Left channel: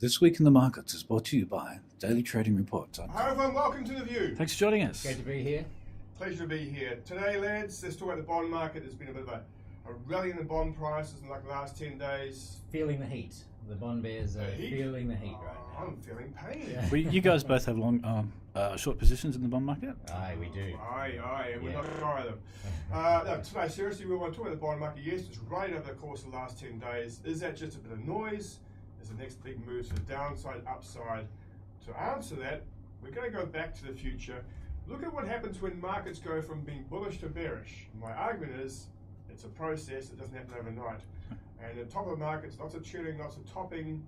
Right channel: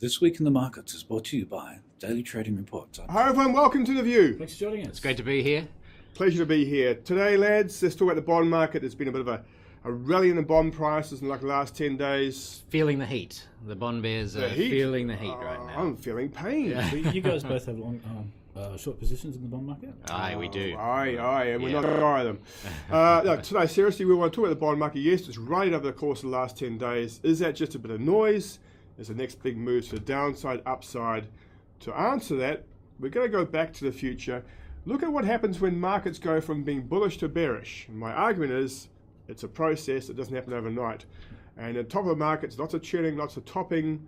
This Week in the Markets is brought to you by Daily Trading Reports. Hi everyone, welcome to The View. Thanks for joining us. It's great to be here. Pleasure to be here. Today, lads, let's talk about the bond market. There's been a bit of a rally in the bond prices in like the last 10 days. Feeling the heat. The bond bears are feeling the heat right now. I'm feeling pain. Yeah. You guys both have short positions in the bond market? Aye, we do. Aye, and we're not going to buy them. No, today, seriously, we want to talk about the bond market. Yes, it's rallied over the course of the last 10 days. Is that just a bit of noise? Is the next big move to the downside, upside? To answer that, we're going to go back to the future. Look at what happens when markets go from being bullish to bearish. And my argument is, it's a process. It doesn't happen overnight. And at the top of the markets, lots of chilling, lots of topping,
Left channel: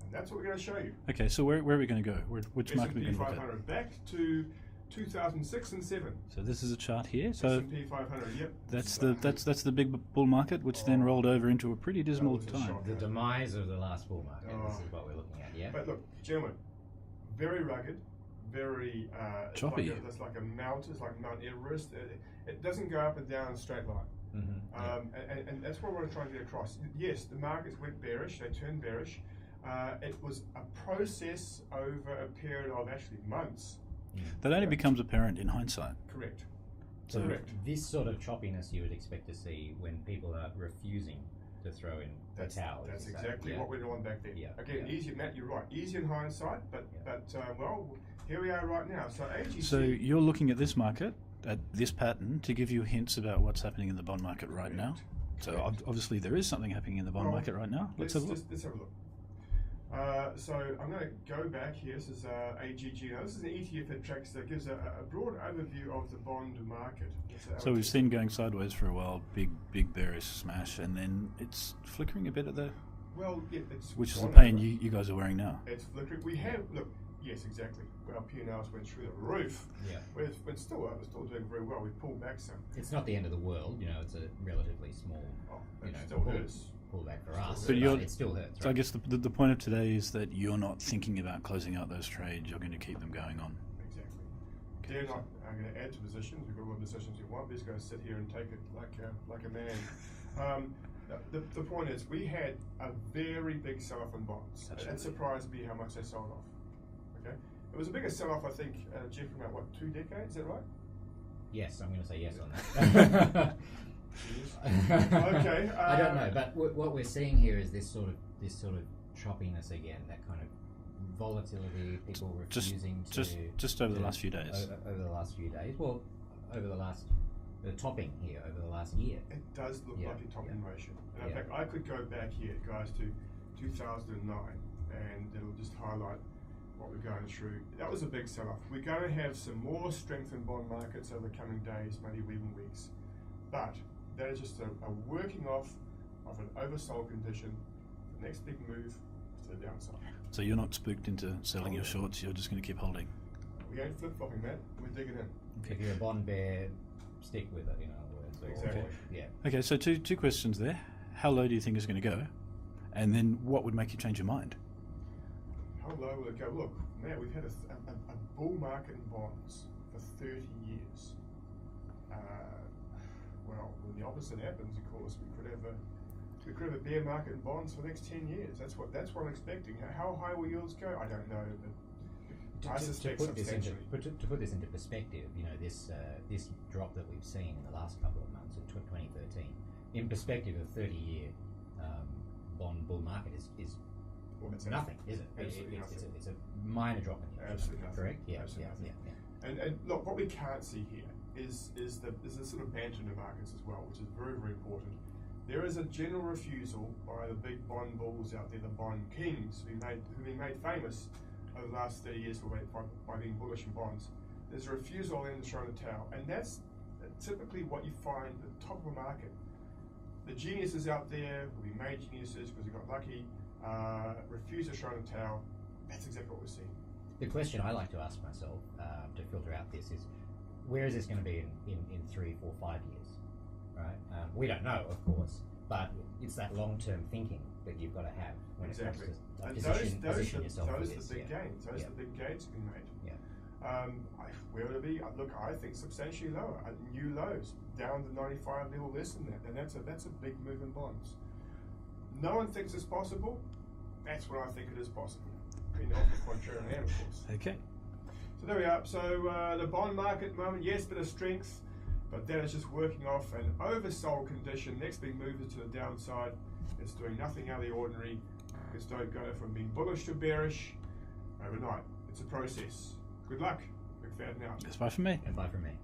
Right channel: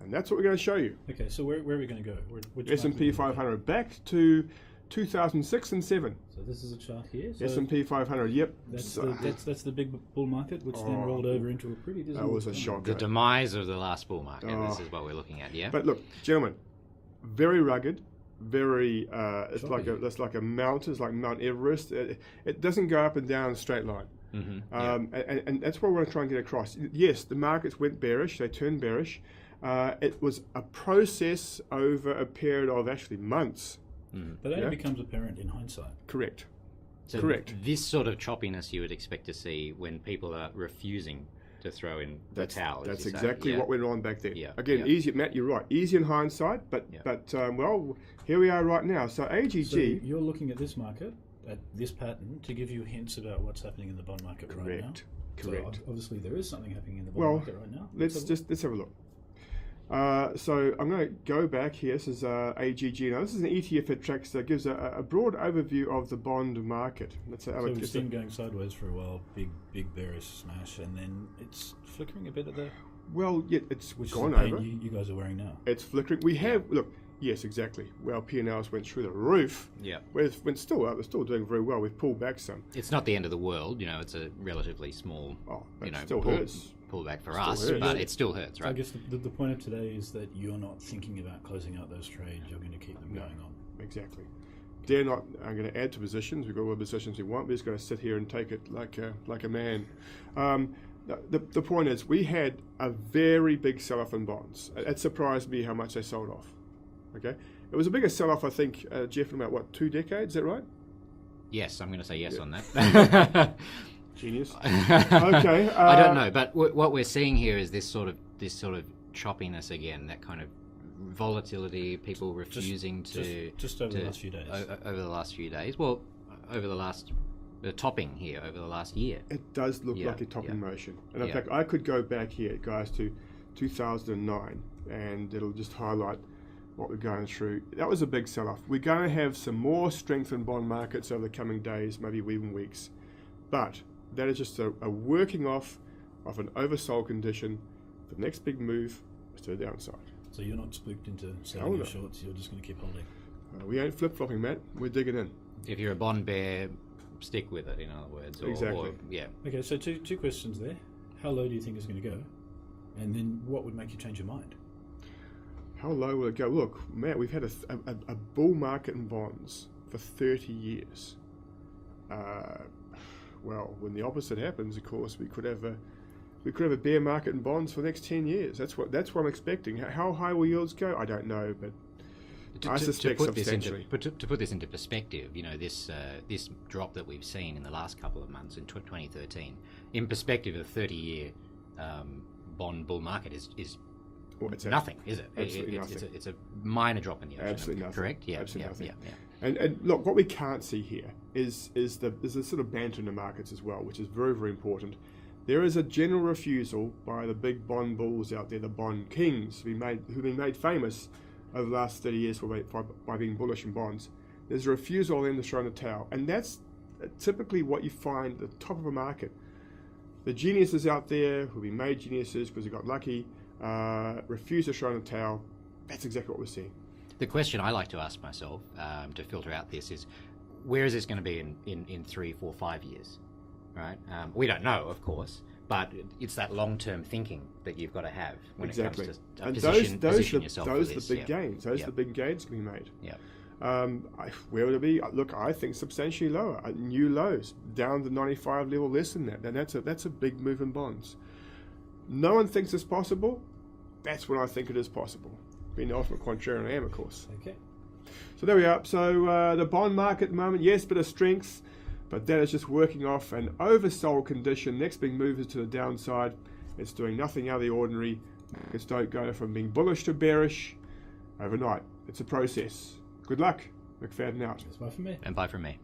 and that's what we're going to show you. Okay, so where are we going to go? Which S&P 500 back to 2006 and 7. So this is a chart here. So S&P 500, yep. That's the big bull market, which then rolled over into a pretty dismal That was a time. shock. The demise of the last bull market. This is what we're looking at, yeah? But look, gentlemen, very rugged, very, it's Choppy. like a mountain, it's like Mount Everest. It doesn't go up and down in a straight line. Mm-hmm. And that's what we're trying to get across. Yes, the markets went bearish, they turned bearish. It was a process over a period of actually months. That only becomes apparent in hindsight. Correct. So Correct. This sort of choppiness you would expect to see when people are refusing to throw in the towel. as That's you say. exactly Yeah. what went on back then. Yeah. Again, Yeah. easy, Matt, you're right. Easy in hindsight, but well, here we are right now. So AGC. So you're looking at this market, at this pattern, to give you hints about what's happening in the bond market right now. Correct. So obviously there is something happening in the bond market right now. Let's have a look. So I'm going to go back here. This is AGG. Now this is an ETF that tracks that gives a broad overview of the bond market. So we've seen going sideways for a while, big bearish smash, and then it's flickering a bit at the. Well, yeah, it's which is gone the pain over. you guys are wearing now. It's flickering. We have look. Yes, exactly. Well, P&Ls went through the roof. Yeah. We're still doing very well. We've pulled back some. It's not the end of the world, it's a relatively small, But it still hurts. pullback for Still us, hurts. but it still hurts, So right? I guess the point of today is that you're not thinking about closing out those trades. You're going to keep them going on. Exactly. They're not. I'm going to add to positions. We've got all the positions we want. We're just going to sit here and take it like a man. The point is, we had a very big sell-off in bonds. It surprised me how much they sold off. Okay, it was a bigger sell-off, I think, Jeff, in about 2 decades. Is that right? Yes, I'm going to say yes on that. Genius. Okay. I don't know, but what we're seeing here is this sort of choppiness again, that kind of volatility, people refusing just over the last few days. Over the last few days. Well, over the topping here over the last year. It does look like a topping motion. And in fact, I could go back here, guys, to 2009, and it'll just highlight what we're going through. That was a big sell-off. We're going to have some more strength in bond markets over the coming days, maybe even weeks. But that is just a working off of an oversold condition. The next big move is to the downside. So you're not spooked into selling your shorts. You're just going to keep holding. We ain't flip-flopping, Matt. We're digging in. If you're a bond bear, stick with it, in other words. Exactly. Okay, so two questions there. How low do you think it's going to go? And then what would make you change your mind? How low will it go? Look, Matt, we've had a bull market in bonds for 30 years. Well, when the opposite happens, of course, we could have a bear market in bonds for the next 10 years. That's what I'm expecting. How high will yields go? I don't know, but I suspect substantially. To put this into perspective, this drop that we've seen in the last couple of months in 2013, in perspective, a 30-year bond bull market is nothing, is it? Absolutely nothing. It's a minor drop in the ocean. Absolutely nothing. Correct? Yeah. Absolutely nothing. Yeah. And look, what we can't see here is the sort of banter in the markets as well, which is very, very important. There is a general refusal by the big bond bulls out there, the bond kings, who've been made famous over the last 30 years by being bullish in bonds. There's a refusal of them to throw in the towel, and that's typically what you find at the top of a market. The geniuses out there who've been made geniuses because they got lucky, refuse to throw in the towel. That's exactly what we're seeing. The question I like to ask myself to filter out this is, where is this going to be in 3, 4, 5 years? Right? We don't know, of course, but it's that long-term thinking that you've got to have when it comes to position yourself. Those are the big gains. Those are the big gains to be made. Yeah. Where would it be? Look, I think substantially lower. New lows down to 95 level, less than that. And that's a big move in bonds. No one thinks it's possible. That's when I think it is possible. being the ultimate contrarian I am, of course. Okay. So there we are. So the bond market at the moment, yes, bit of strength, but that is just working off an oversold condition. Next big move is to the downside. It's doing nothing out of the ordinary. Markets don't go from being bullish to bearish overnight. It's a process. Good luck. McFadden out. That's bye from me. And bye from me.